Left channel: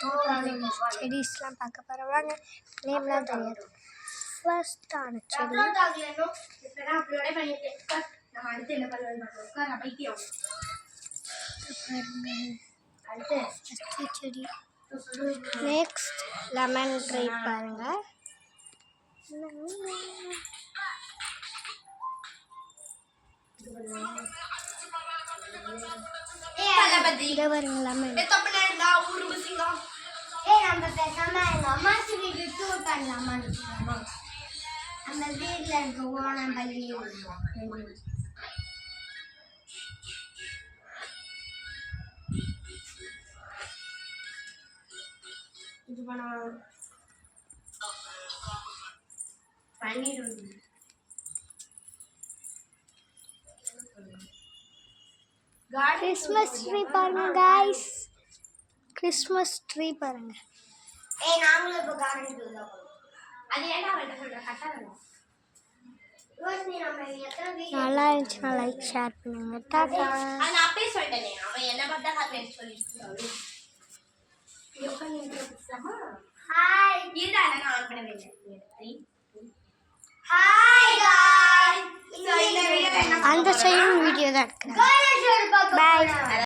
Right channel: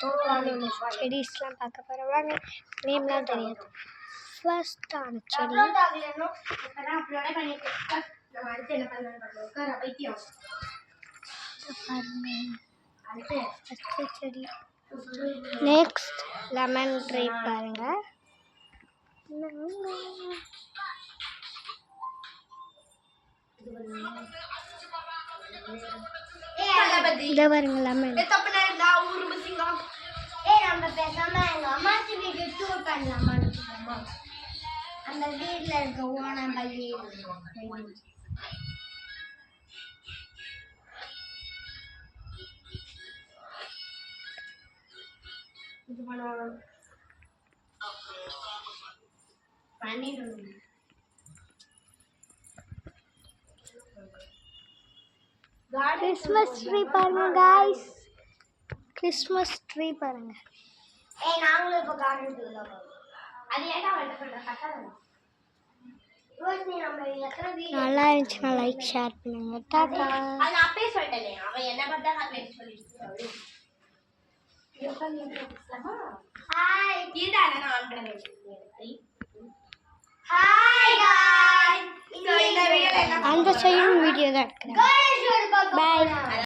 தோட்டத்தில் உள்ள செடிஸ்லாம் பார்க்க போகிறோம். வாங்க, நேம்லாம் தெரியாது. ஃபர்ஸ்டான செடி ஃபஸ்ட்டு செடி. நெக்ஸ்ட் லெமன் ட்ரை பாருங்க. இதை பாருங்க லெமன். நம்ம பேசாம எங்க அம்மாச்சி வீட்டு டூர் பண்ணலாமான்னு அந்த வீட்டில் இருக்க ஓணம்பள்ளி இது பண்ண பண்ணிடுவோம். கிறிஸ்மஸ் ட்ரீ பாருங்க गाइस. கிறிஸ்மஸ் ட்ரீ பாருங்க. நாங்களும் இப்போ கார்டனுக்குள்ள போறோம். அது ஏன்டா வெட்ட சொல்ற கட்டறோம். ரோஷினி நம்ம எத்தனை வீடியோ நல்லா இருந்துச்சுன்னா லைக் ஷேர் பண்ணுங்க. டாடா. அது அப்பவே சொல்லிட்டேனே. அவன் என்ன பார்த்தா நான் சொல்லிட்டு ஹாய் இதுடா நான் ஆன் பண்ண வேண்டியது. Hi guys. இந்த வீடியோல அந்த சைடு வீடியோ தான் எடுக்கிறேன். பாய்.